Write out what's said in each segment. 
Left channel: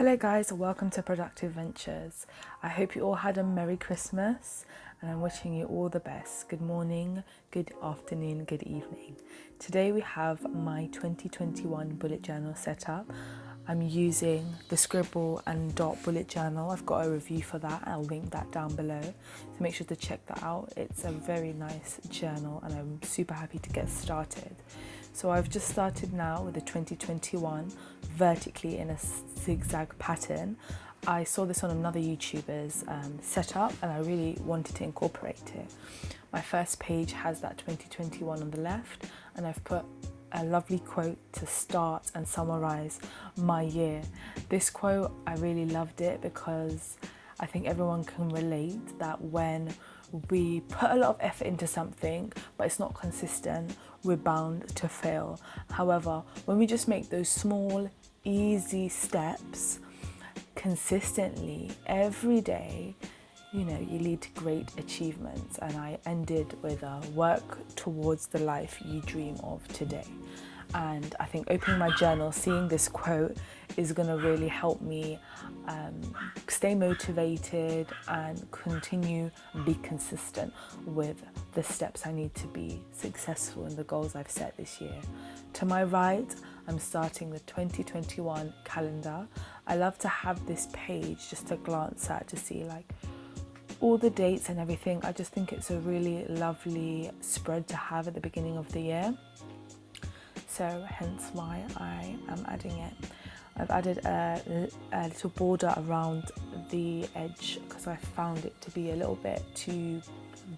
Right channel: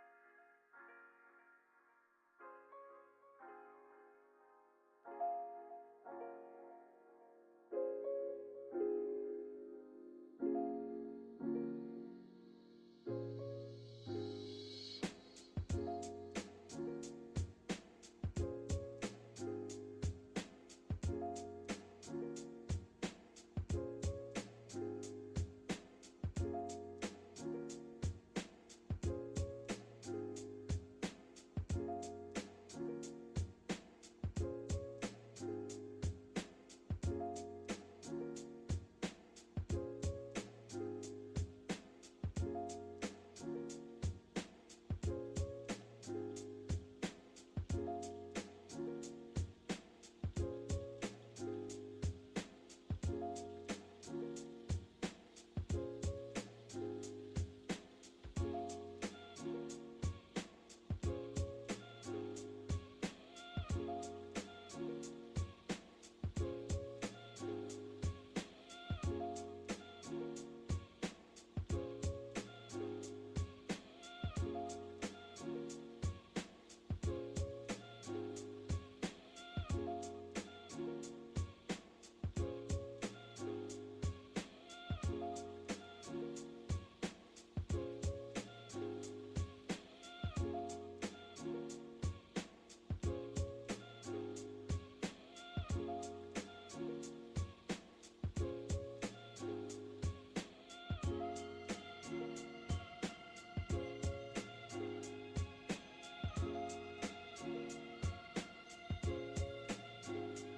Hello guys, welcome to Productive Ventures. I hope you all had a Merry Christmas and I'm wishing you all the best. Good morning, good afternoon, good evening. Today we have my 2021 bullet journal set up. I'm using the Scribble and Dot bullet journal. I've got a review for that. I'll link that down below. So make sure to check that out. It's a very nice journal and I'm super happy to get started. So I've just started now with the 2021 vertically in a zigzag pattern. I saw this on another YouTuber's setup and I really wanted to incorporate it. My first page has that 2021 on the left and I've put a lovely quote to start and summarize my year. This quote, I really loved it because I think everyone can relate that when we put a lot of effort into something but it's not consistent, we're bound to fail. However, when we just make those small, easy steps consistently every day, you lead to great achievements. And I ended with work towards the life you dream of today. And I think opening my journal, seeing this quote is going to really help me stay motivated and continue and be consistent with the steps I need to be successful in the goals I've set this year. To my right, I'm starting the 2021 calendar. I love to have this page just to glance at to see all the dates and everything. I just think it's a really lovely spread to have at the beginning of the year. So hence why I am adding it. I've added a little border around the edge because I found it to be a little bit too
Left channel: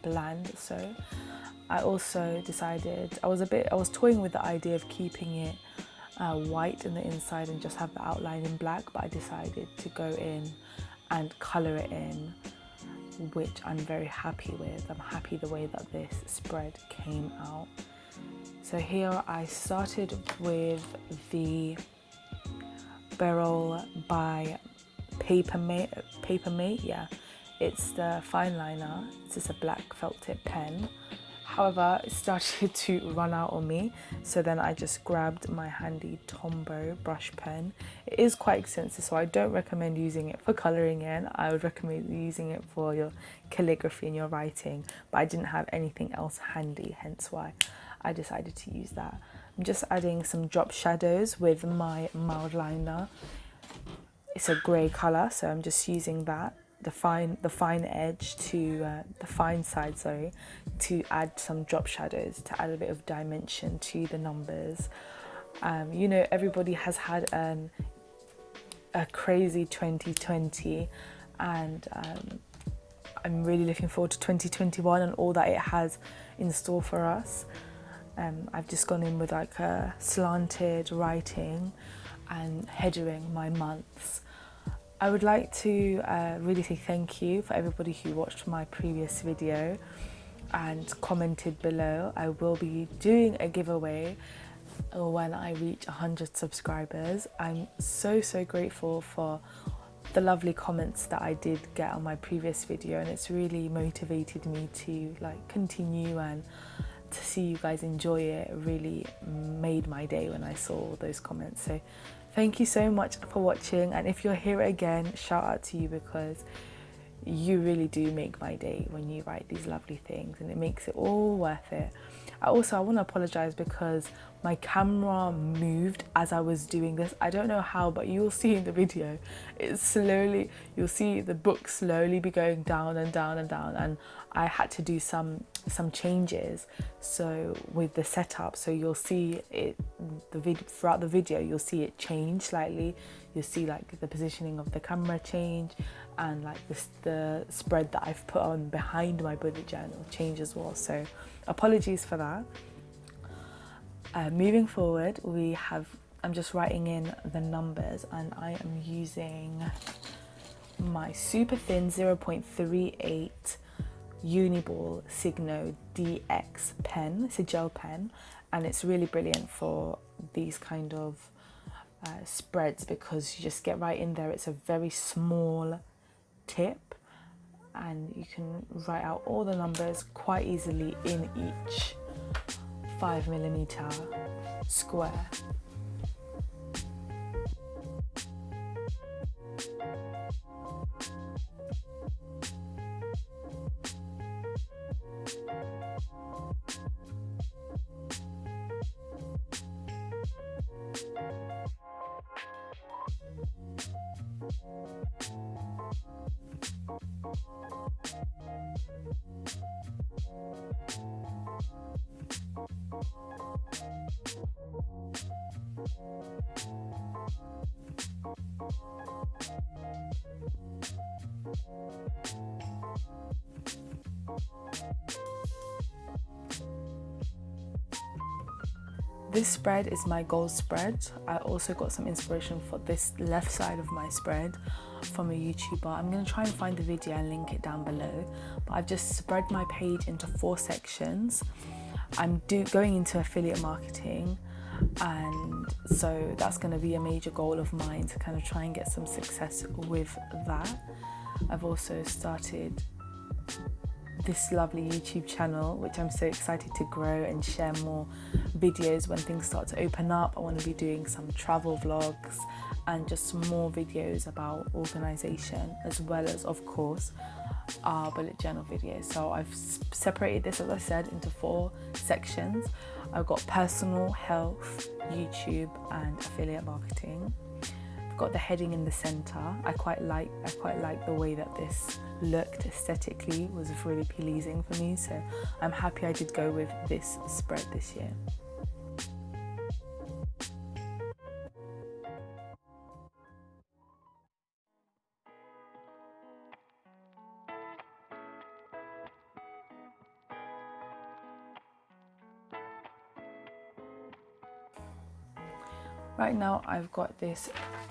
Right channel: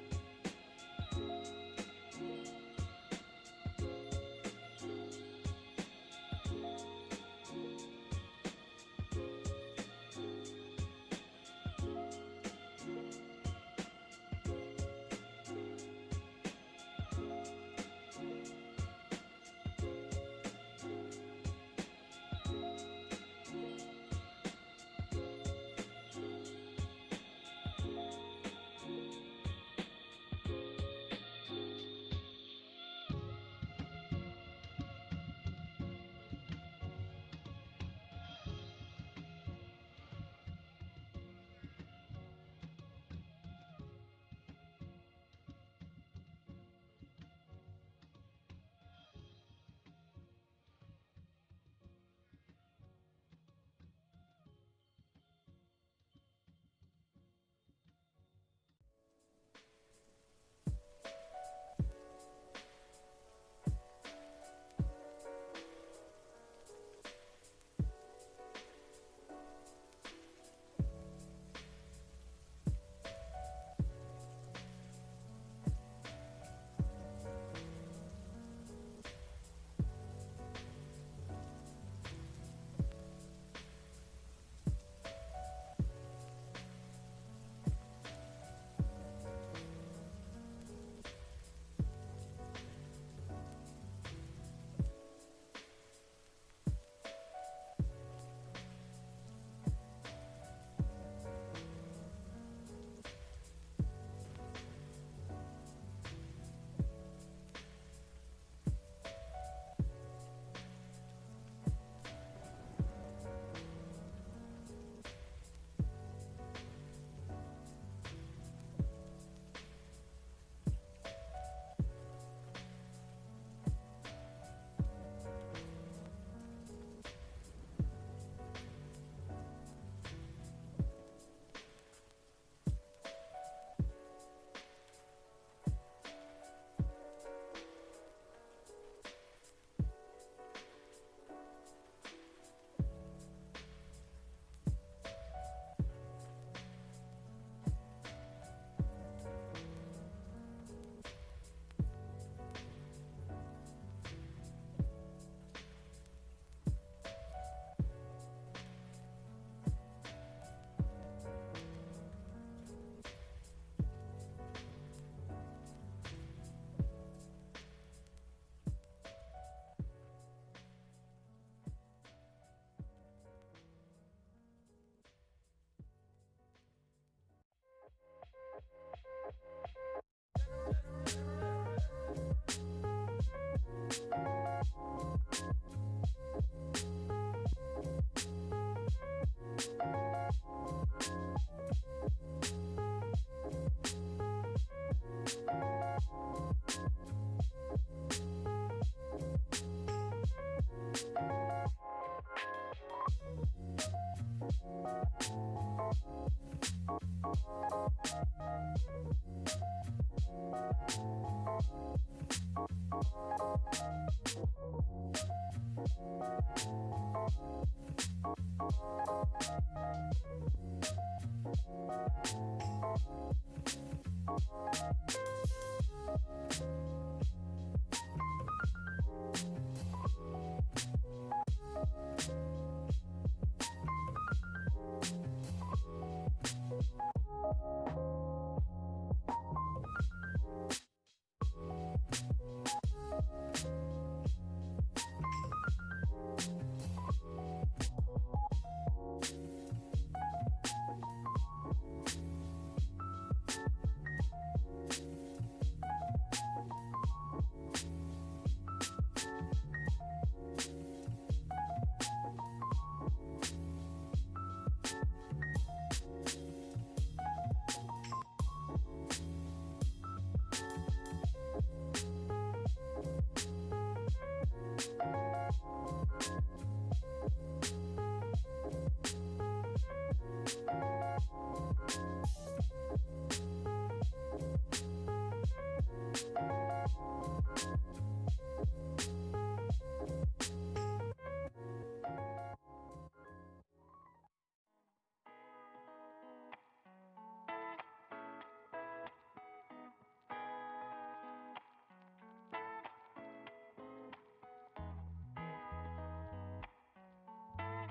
bland. So I also decided, I was toying with the idea of keeping it white in the inside and just have the outline in black, but I decided to go in and colour it in, which I'm very happy with. I'm happy the way that this spread came out. So here I started with the Barrel by Papermate. Yeah, it's the fine liner. It's just a black felt tip pen. However, it started to run out on me, so then I just grabbed my handy Tombow brush pen. It is quite expensive, so I don't recommend using it for colouring in. I would recommend using it for your calligraphy and your writing, but I didn't have anything else handy, hence why I decided to use that. I'm just adding some drop shadows with my mild liner. It's a grey colour, so I'm just using that, the fine edge to the fine side, to add some drop shadows to add a bit of dimension to the numbers. Everybody has had a crazy 2020, and I'm really looking forward to 2021 and all that it has in store for us. I've just gone in with a slanted writing and headering my months. I would like to really say thank you for everybody who watched my previous video and commented below. I will be doing a giveaway when I reach 100 subscribers. I'm so grateful for the lovely comments that I did get on my previous video, and it's really motivated me to continue, and to see you guys enjoy it really made my day when I saw all those comments. So thank you so much for watching, and if you're here again, shout out to you because you really do make my day when you write these lovely things, and it makes it all worth it. I want to apologize because my camera moved as I was doing this. I don't know how, but you'll see in the video, you'll see the book slowly be going down and down and down, and I had to do some changes with the setup, so you'll see it throughout the video. You'll see it change slightly. You'll see the positioning of the camera change, and the spread that I've put on behind my bullet journal change as well. So apologies for that. Moving forward, I'm just writing in the numbers, and I am using my super thin 0.38 Uniball Signo DX pen. It's a gel pen, and it's really brilliant for these kind of spreads because you just get right in there. It's a very small tip, and you can write out all the numbers quite easily in each 5mm square. This spread is my goal spread. I also got some inspiration for this left side of my spread from a YouTuber. I'm going to try and find the video and link it down below. But I've just spread my page into 4 sections. I'm going into affiliate marketing, and so that's going to be a major goal of mine, to kind of try and get some success with that. I've also started this lovely YouTube channel, which I'm so excited to grow and share more videos when things start to open up. I want to be doing some travel vlogs and just some more videos about organisation, as well as, of course, our bullet journal videos. So I've separated this, as I said, into 4 sections. I've got personal, health, YouTube and affiliate marketing. I've got the heading in the centre. I quite like the way that this looked aesthetically. It was really pleasing for me, so I'm happy I did go with this spread this year. Right now I've got this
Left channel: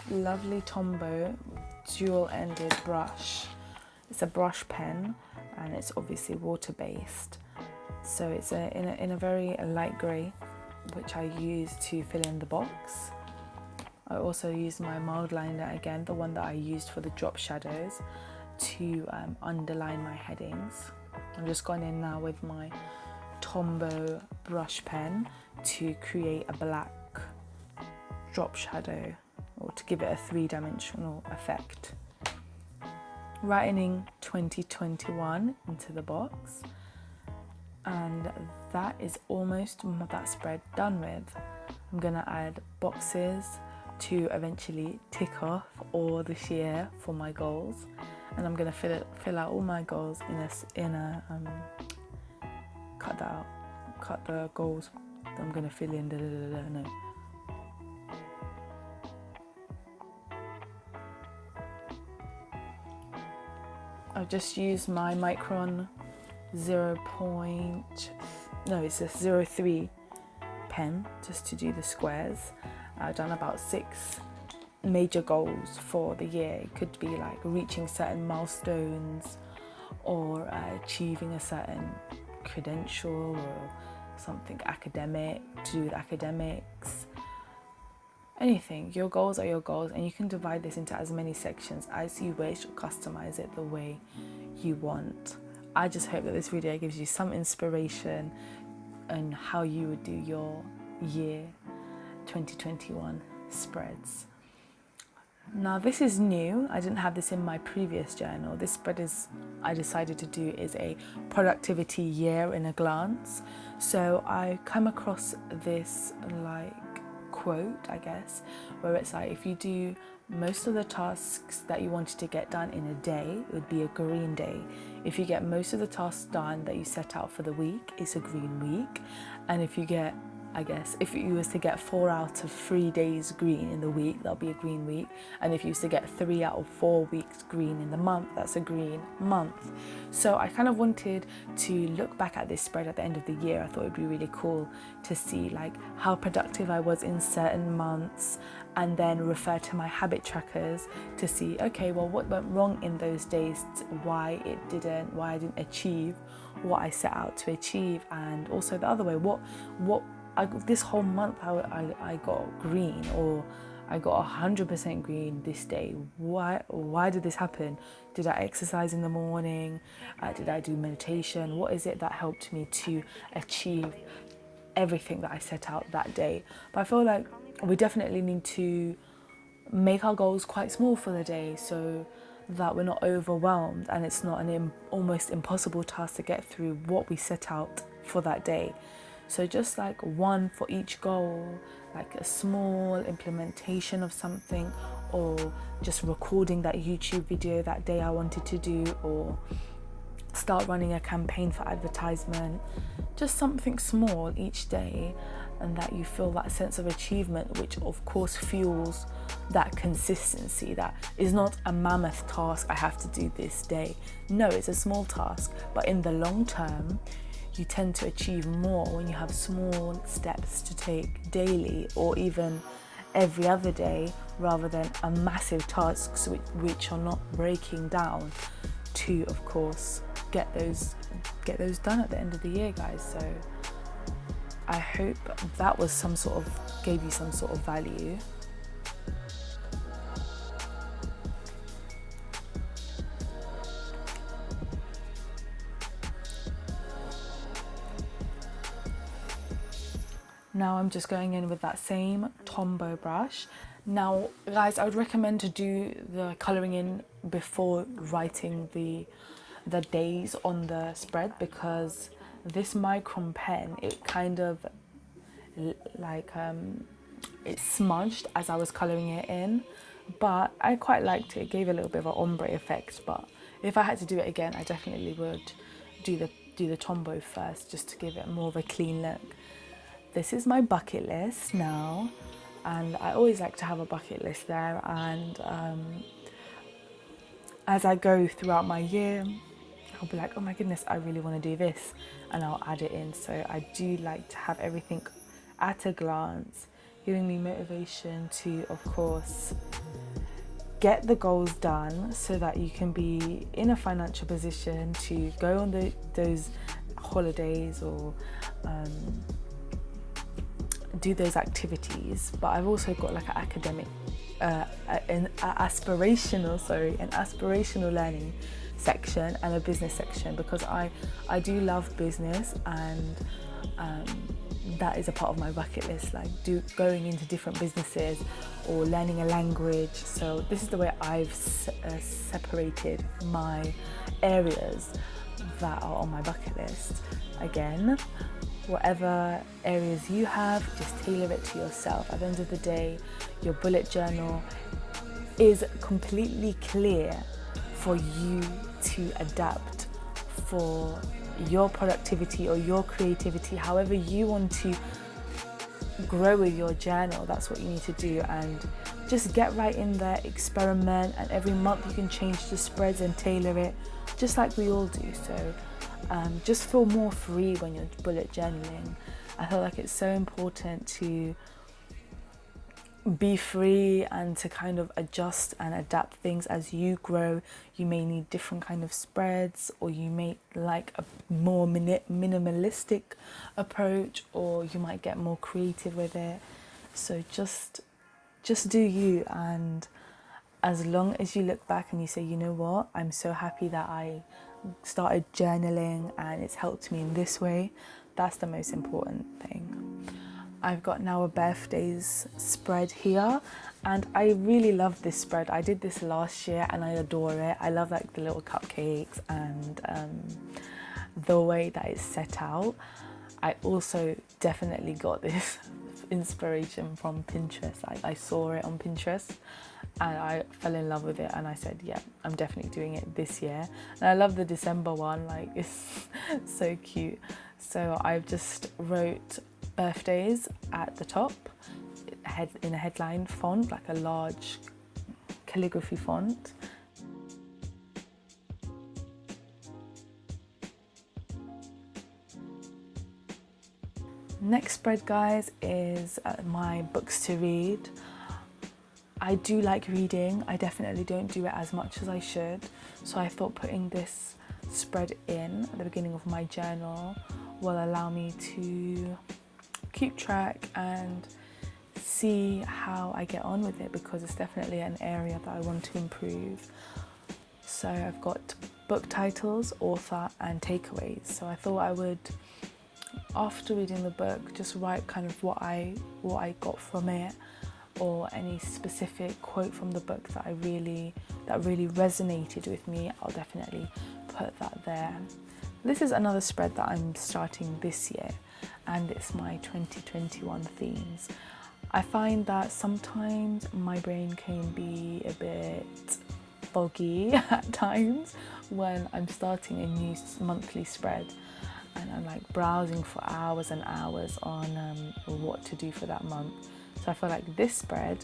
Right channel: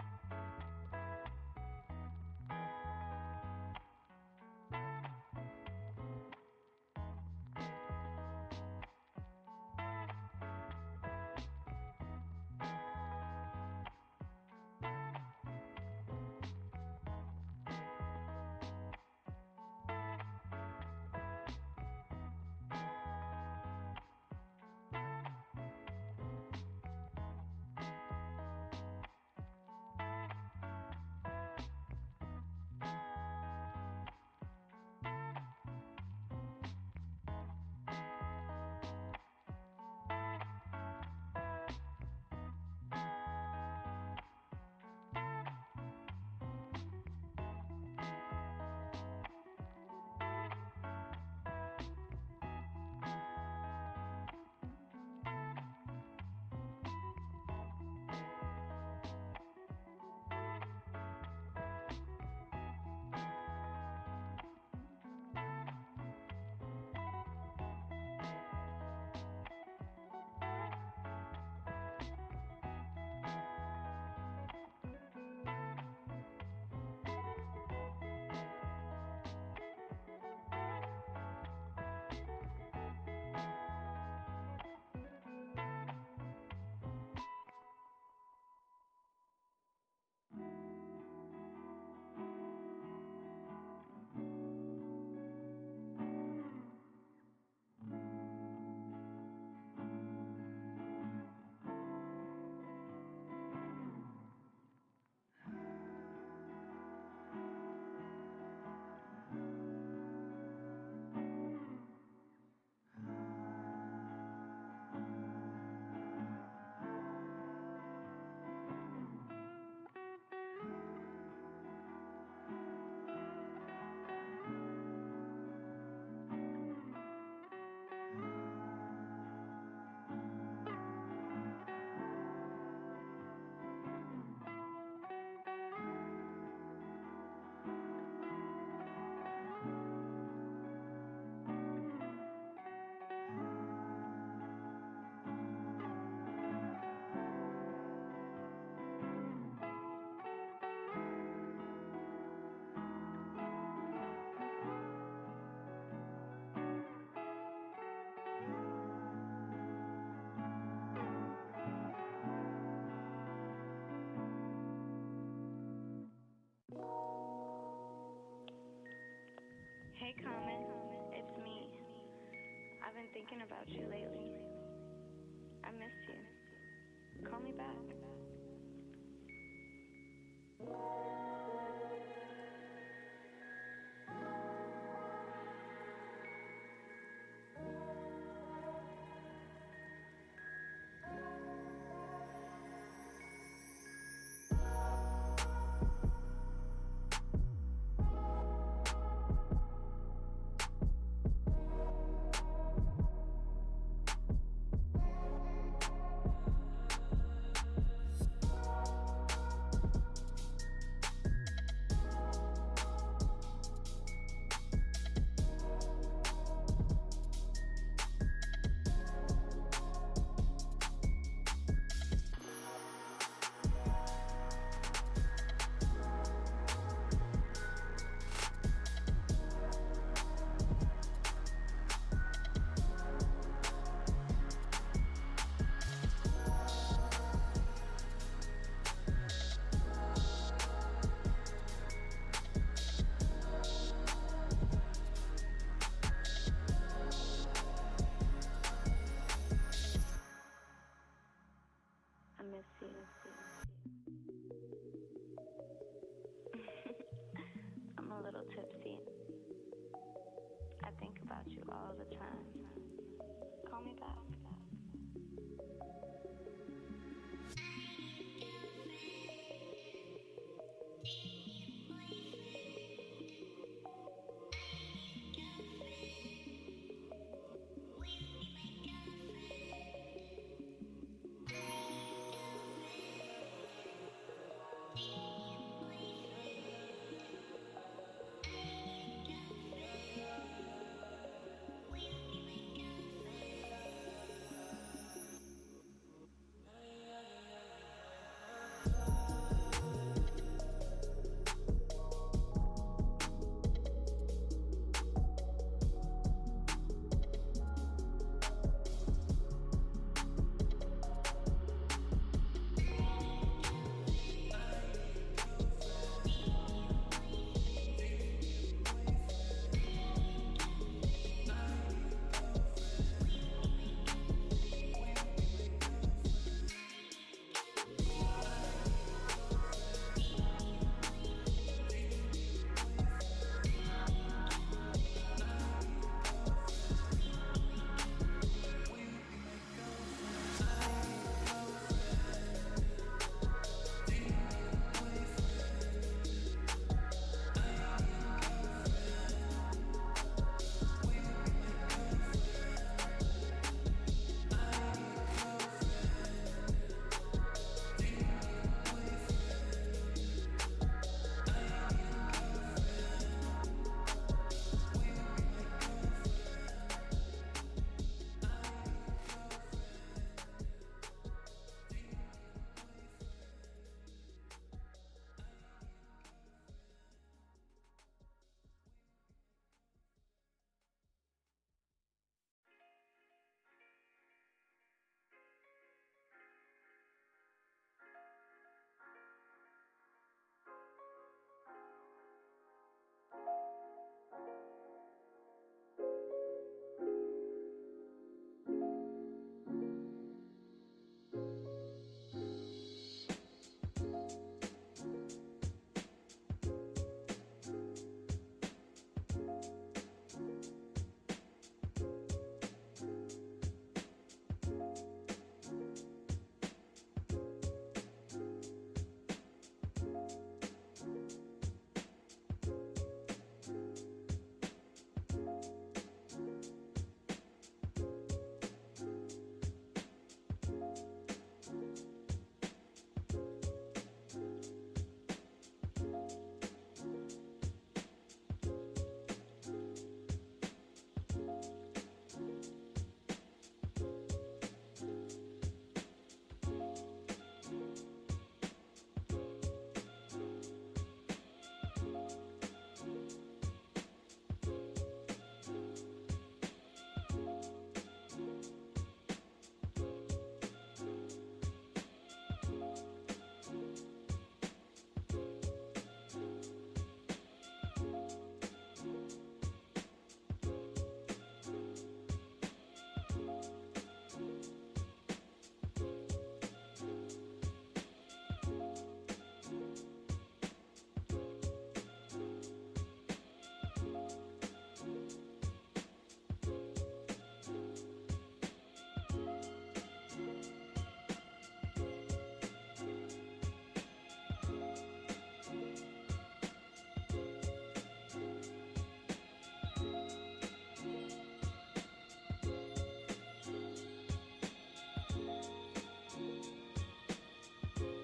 lovely Tombow dual-ended brush. It's a brush pen and it's obviously water-based. So it's in a very light grey, which I use to fill in the box. I also use my mild liner again, the one that I used for the drop shadows, to underline my headings. I'm just going in now with my Tombow brush pen to create a black drop shadow, or to give it a 3-dimensional effect. Writing 2021 into the box, and that is almost that spread done with. I'm gonna add boxes to eventually tick off all this year for my goals, and I'm gonna fill out all my goals cut the goals that I'm gonna fill in. No. I've just used my Micron 03 pen just to do the squares. I've done about 6 major goals for the year. It could be like reaching certain milestones, or achieving a certain credential, or something academic, to do with academics. Anything. Your goals are your goals, and you can divide this into as many sections as you wish, or customize it the way you want. I just hope that this video gives you some inspiration on how you would do your year 2021 spreads. Now this is new. I didn't have this in my previous journal. This spread I decided to do is a productivity year in a glance. So I come across this quote, I guess, where it's like, if you do most of the tasks that you wanted to get done in a day, it would be a green day. If you get most of the tasks done that you set out for the week, it's a green week. And if you get, I guess, if you was to get 4 out of 3 days green in the week, that'll be a green week. And if you was to get 3 out of 4 weeks green in the month, that's a green month. So I kind of wanted to look back at this spread at the end of the year. I thought it'd be really cool to see like how productive I was in certain months, and then refer to my habit trackers to see, okay, well, what went wrong in those days, why I didn't achieve what I set out to achieve, and also the other way, this whole month I got green, or I got 100% green this day. Why did this happen? Did I exercise in the morning? Did I do meditation? What is it that helped me to achieve everything that I set out that day? But I feel like we definitely need to make our goals quite small for the day, so that we're not overwhelmed and it's not an almost impossible task to get through what we set out for that day. So just like one for each goal, like a small implementation of something, or just recording that YouTube video that day I wanted to do, or start running a campaign for advertisement. Just something small each day, and that you feel that sense of achievement, which of course fuels that consistency. That is not a mammoth task I have to do this day. No, it's a small task, but in the long term you tend to achieve more when you have small steps to take daily, or even every other day, rather than a massive tasks which are not breaking down to, of course, get those done at the end of the year, guys. So I hope that was gave you some sort of value. Now I'm just going in with that same Tombow brush. Now guys, I would recommend to do the colouring in before writing the days on the spread, because this micron pen, it kind of it smudged as I was colouring it in, but I quite liked it. It gave a little bit of an ombre effect, but if I had to do it again, I definitely would do the Tombow first, just to give it more of a clean look. This is my bucket list now, and I always like to have a bucket list there, and as I go throughout my year, I'll be like, oh my goodness, I really want to do this, and I'll add it in. So I do like to have everything at a glance, giving me motivation to, of course, get the goals done so that you can be in a financial position to go on those holidays, or do those activities. But I've also got like an academic, an aspirational learning section and a business section, because I do love business, and that is a part of my bucket list, like going into different businesses or learning a language. So this is the way I've separated my areas that are on my bucket list. Again, whatever areas you have, just tailor it to yourself. At the end of the day, your bullet journal is completely clear for you to adapt for your productivity or your creativity, however you want to grow with your journal. That's what you need to do, and just get right in there, experiment, and every month you can change the spreads and tailor it, just like we all do. So just feel more free when you're bullet journaling. I feel like it's so important to be free and to kind of adjust and adapt things as you grow. You may need different kind of spreads, or you may like a more minimalistic approach, or you might get more creative with it. So just do you, and as long as you look back and you say, you know what, I'm so happy that I started journaling and it's helped me in this way, that's the most important thing. I've got now a birthdays spread here, and I really love this spread. I did this last year and I adore it. I love like the little cupcakes and the way that it's set out. I also definitely got this inspiration from Pinterest. I saw it on Pinterest and I fell in love with it, and I said, yeah, I'm definitely doing it this year. And I love the December one, like it's so cute. So I've just wrote birthdays at the top in a headline font, like a large calligraphy font. Next spread, guys, is my books to read. I do like reading. I definitely don't do it as much as I should, so I thought putting this spread in at the beginning of my journal will allow me to keep track and see how I get on with it, because it's definitely an area that I want to improve. So I've got book titles, author and takeaways. So I thought I would, after reading the book, just write kind of what I got from it, or any specific quote from the book that really resonated with me. I'll definitely put that there. This is another spread that I'm starting this year, and it's my 2021 themes. I find that sometimes my brain can be a bit foggy at times when I'm starting a new monthly spread, and I'm like browsing for hours and hours on what to do for that month. So I feel like this spread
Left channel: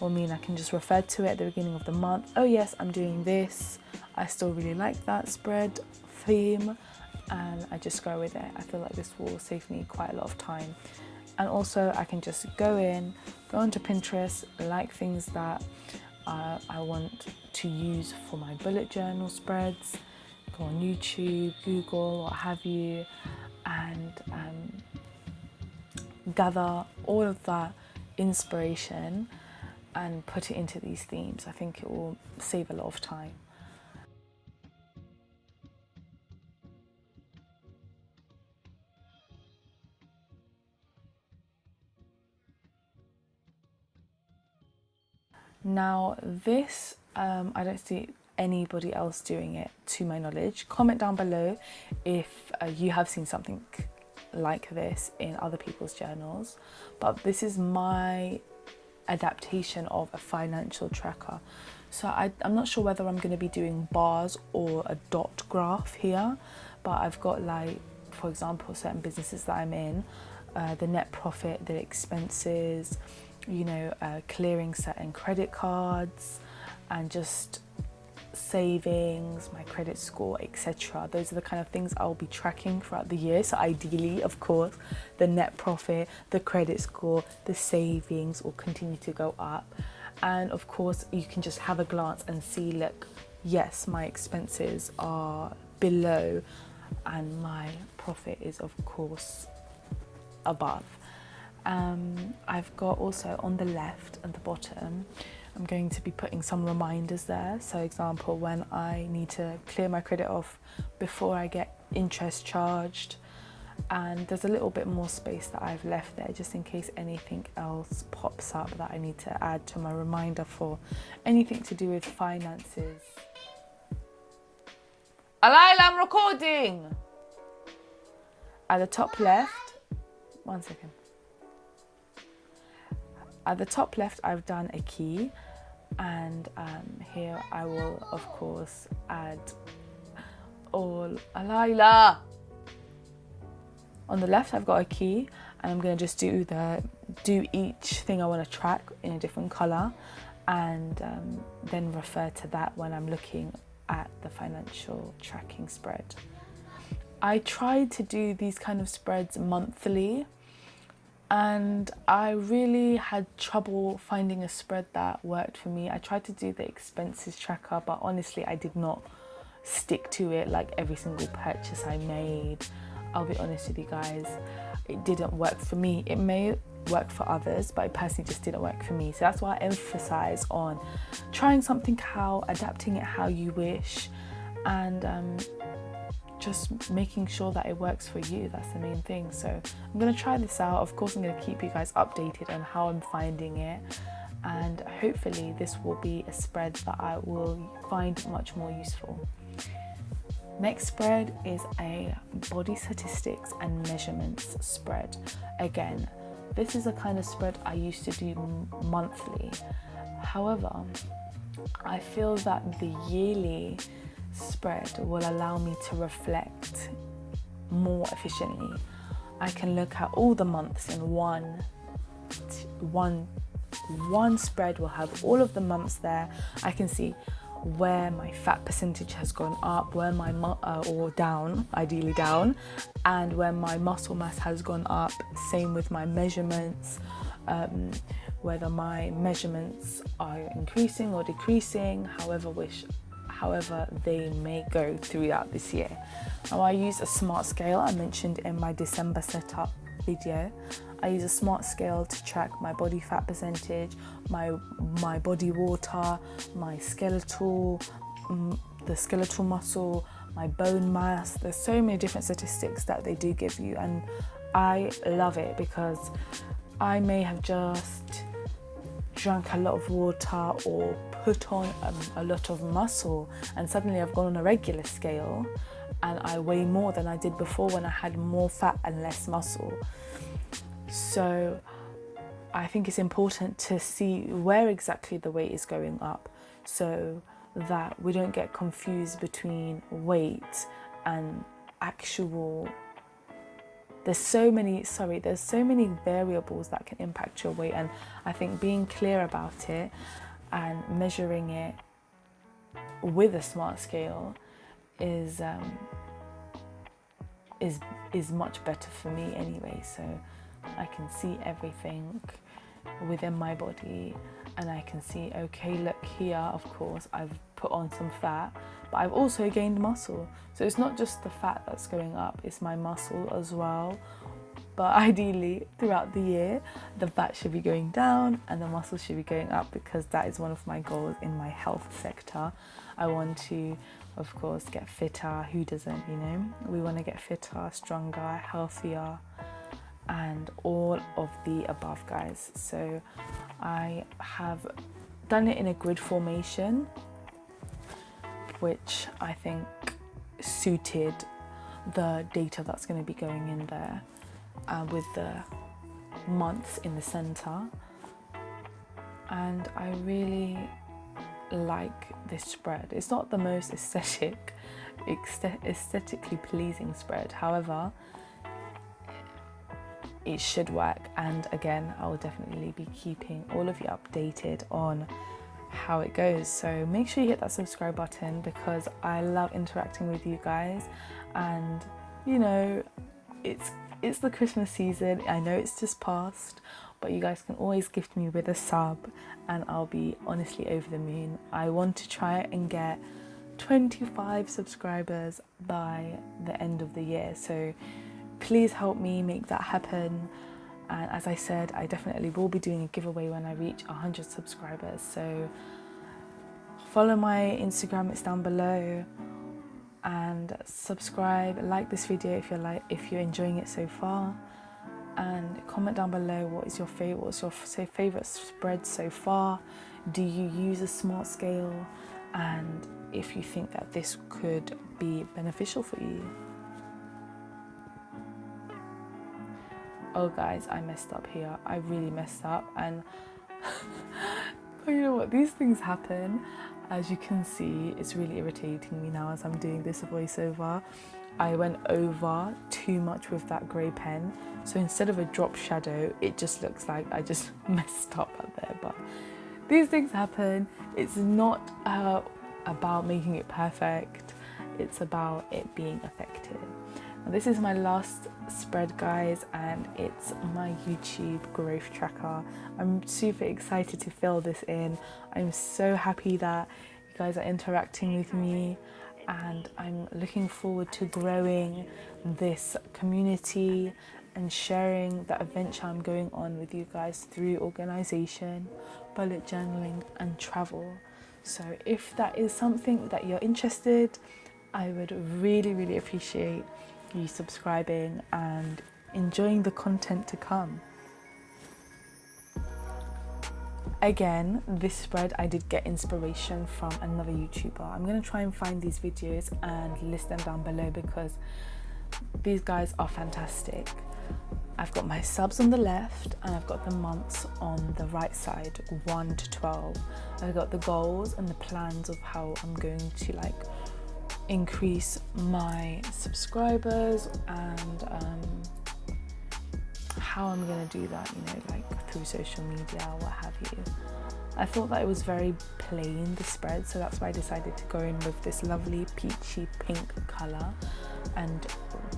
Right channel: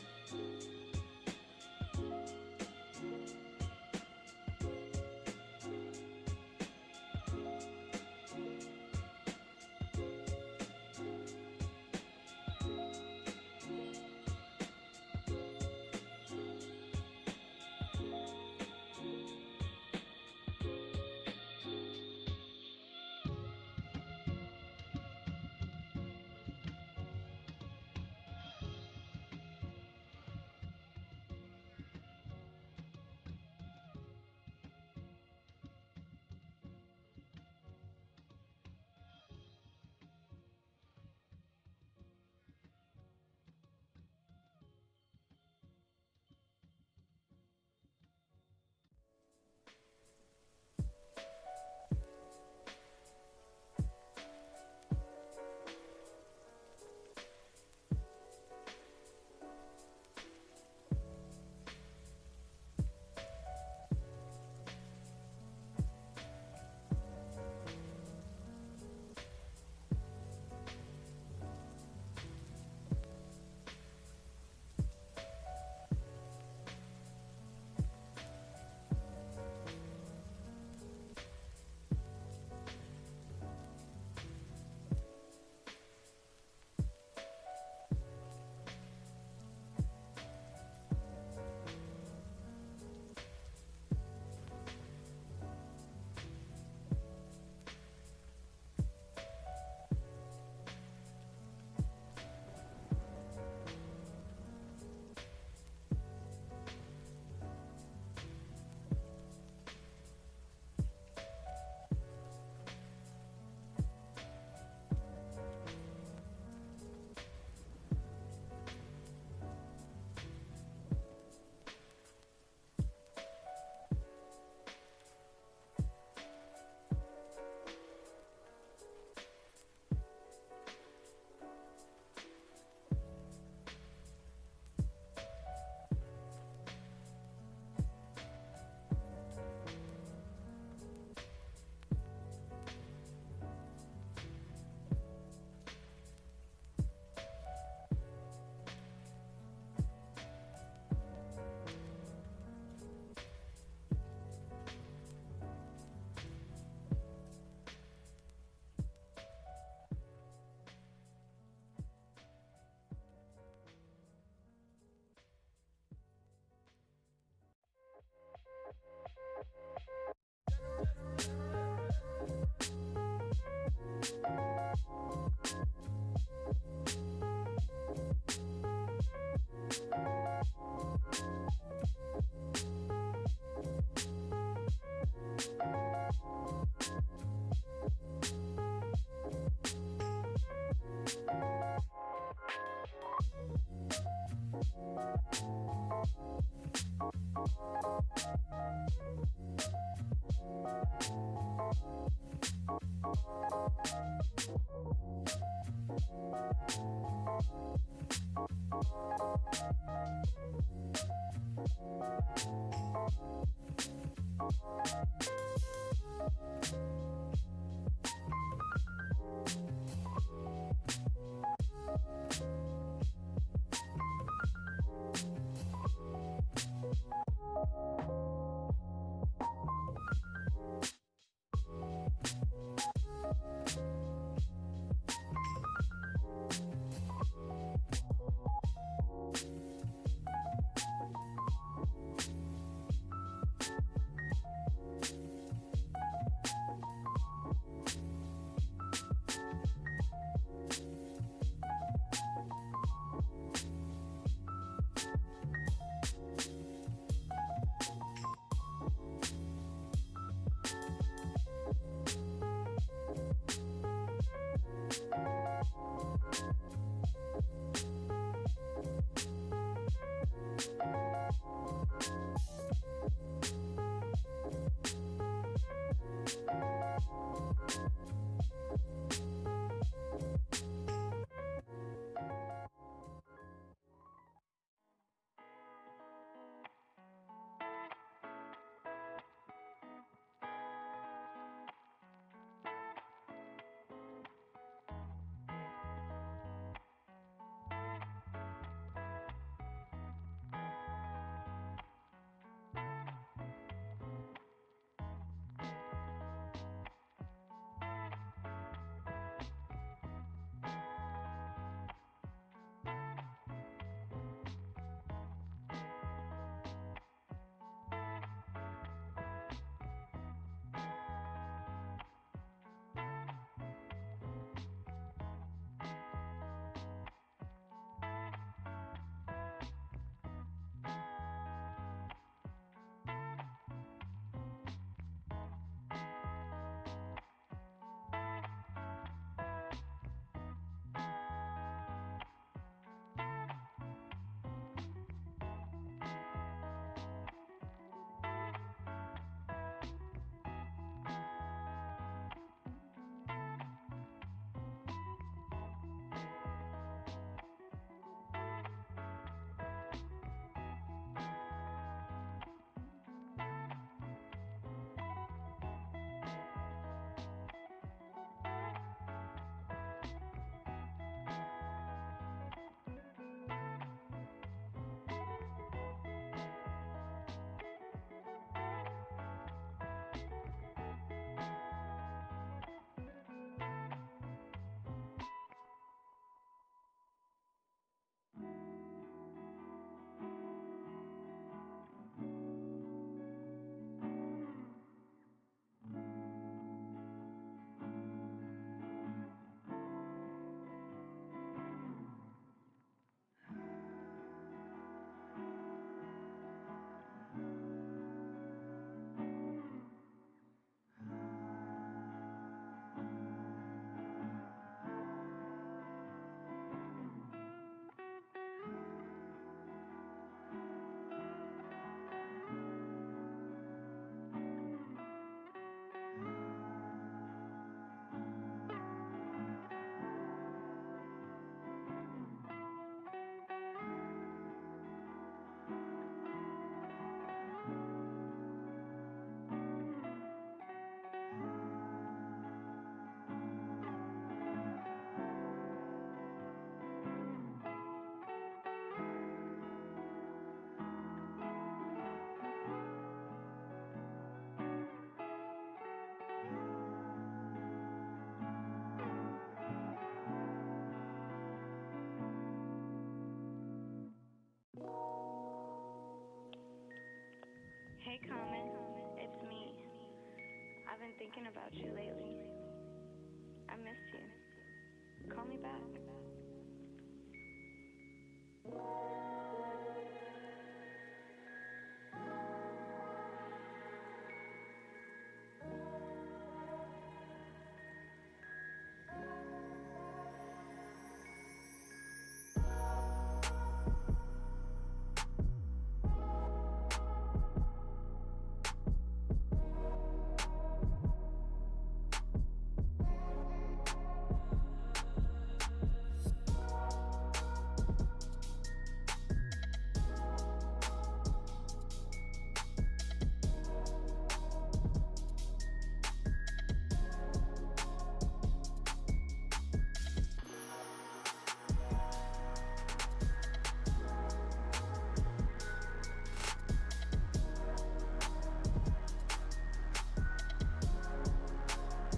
will mean I can just refer to it at the beginning of the month. Oh yes, I'm doing this. I still really like that spread theme, and I just go with it. I feel like this will save me quite a lot of time. And also I can just go onto Pinterest, like things that I want to use for my bullet journal spreads, go on YouTube, Google, what have you, and gather all of that inspiration and put it into these themes. I think it will save a lot of time. Now this, I don't see anybody else doing it to my knowledge. Comment down below if you have seen something like this in other people's journals, but this is my adaptation of a financial tracker. So I'm not sure whether I'm going to be doing bars or a dot graph here, but I've got, like, for example, certain businesses that I'm in, the net profit, the expenses, clearing certain credit cards, and just savings, my credit score, etc. Those are the kind of things I'll be tracking throughout the year. So ideally, of course, the net profit, the credit score, the savings will continue to go up. And of course, you can just have a glance and see, look, yes, my expenses are below and my profit is, of course, above. I've got also on the left and the bottom, I'm going to be putting some reminders there. So example, when I need to clear my credit off before I get interest charged, and there's a little bit more space that I've left there just in case anything else pops up that I need to add to my reminder for anything to do with finances. Alayla, I'm recording! At the top left, one second. At the top left, I've done a key, and here I will, of course, add all. Alayla! On the left, I've got a key, and I'm going to just do each thing I want to track in a different colour, and then refer to that when I'm looking at the financial tracking spread. I tried to do these kind of spreads monthly, and I really had trouble finding a spread that worked for me. I tried to do the expenses tracker, but honestly, I did not stick to it. Like every single purchase I made, I'll be honest with you guys, it didn't work for me. It may work for others, but it personally just didn't work for me. So that's why I emphasize on trying something adapting it how you wish, and just making sure that it works for you. That's the main thing. So I'm going to try this out. Of course, I'm going to keep you guys updated on how I'm finding it, and hopefully this will be a spread that I will find much more useful. Next spread is a body statistics and measurements spread. Again, this is a kind of spread I used to do monthly. However, I feel that the yearly spread will allow me to reflect more efficiently. I can look at all the months in one spread. Will have all of the months there. I can see where my fat percentage has gone up, where my or down, ideally down, and where my muscle mass has gone up. Same with my measurements, whether my measurements are increasing or decreasing, however they may go throughout this year. Now, I use a smart scale. I mentioned in my December setup video, I use a smart scale to track my body fat percentage, my body water, my skeletal, the skeletal muscle, my bone mass. There's so many different statistics that they do give you, and I love it because I may have just drank a lot of water or put on a lot of muscle, and suddenly I've gone on a regular scale and I weigh more than I did before when I had more fat and less muscle. So I think it's important to see where exactly the weight is going up, so that we don't get confused between weight and actual. There's so many variables that can impact your weight, and I think being clear about it and measuring it with a smart scale is much better for me anyway. So I can see everything within my body, and I can see, okay, look here, of course I've put on some fat, but I've also gained muscle. So it's not just the fat that's going up, it's my muscle as well. But ideally throughout the year, the fat should be going down and the muscle should be going up, because that is one of my goals in my health sector. I want to, of course, get fitter. Who doesn't, you know? We want to get fitter, stronger, healthier, and all of the above, guys. So I have done it in a grid formation, which I think suited the data that's going to be going in there, with the months in the center. And I really like this spread. It's not the most aesthetically pleasing spread, however it should work. And again, I will definitely be keeping all of you updated on how it goes. So make sure you hit that subscribe button, because I love interacting with you guys. And you know, it's the Christmas season. I know it's just passed, but you guys can always gift me with a sub and I'll be honestly over the moon. I want to try and get 25 subscribers by the end of the year, so please help me make that happen. And as I said, I definitely will be doing a giveaway when I reach 100 subscribers. So follow my Instagram, it's down below, and subscribe, like this video if you're enjoying it so far, and comment down below what's your favorite spread so far. Do you use a smart scale? And if you think that this could be beneficial for you. Oh guys, I messed up here. I really messed up, and you know what, these things happen. As you can see, it's really irritating me now as I'm doing this voiceover. I went over too much with that grey pen, so instead of a drop shadow, it just looks like I just messed up up there. But these things happen. It's not about making it perfect, it's about it being effective. Now, this is my last spread, guys, and it's my YouTube growth tracker. I'm super excited to fill this in. I'm so happy that you guys are interacting with me, and I'm looking forward to growing this community and sharing the adventure I'm going on with you guys through organisation, bullet journaling and travel. So if that is something that you're interested, I would really, really appreciate you subscribing and enjoying the content to come. Again, this spread I did get inspiration from another YouTuber. I'm going to try and find these videos and list them down below, because these guys are fantastic. I've got my subs on the left and I've got the months on the right side, 1 to 12. I've got the goals and the plans of how I'm going to increase my subscribers, and how I'm going to do that, through social media, what have you. I thought that it was very plain, the spread, so that's why I decided to go in with this lovely peachy pink colour and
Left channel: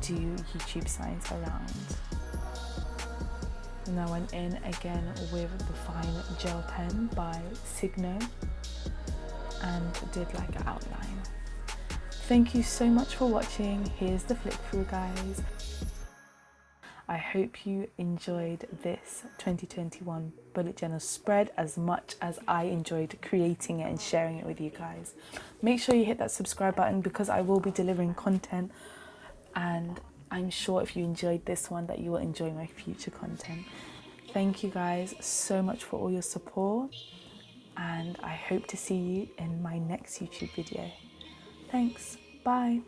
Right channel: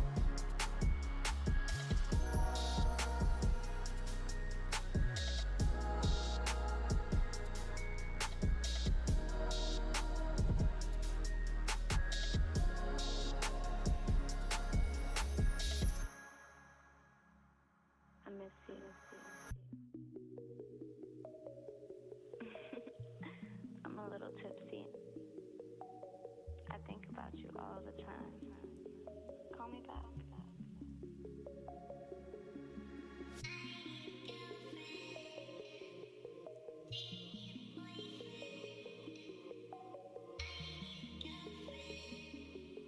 do YouTube signs around. And I went in again with the fine gel pen by Signo and did an outline. Thank you so much for watching. Here's the flip through, guys. I hope you enjoyed this 2021 bullet journal spread as much as I enjoyed creating it and sharing it with you guys. Make sure you hit that subscribe button, because I will be delivering content, and I'm sure if you enjoyed this one that you will enjoy my future content. Thank you guys so much for all your support, and I hope to see you in my next YouTube video. Thanks, bye.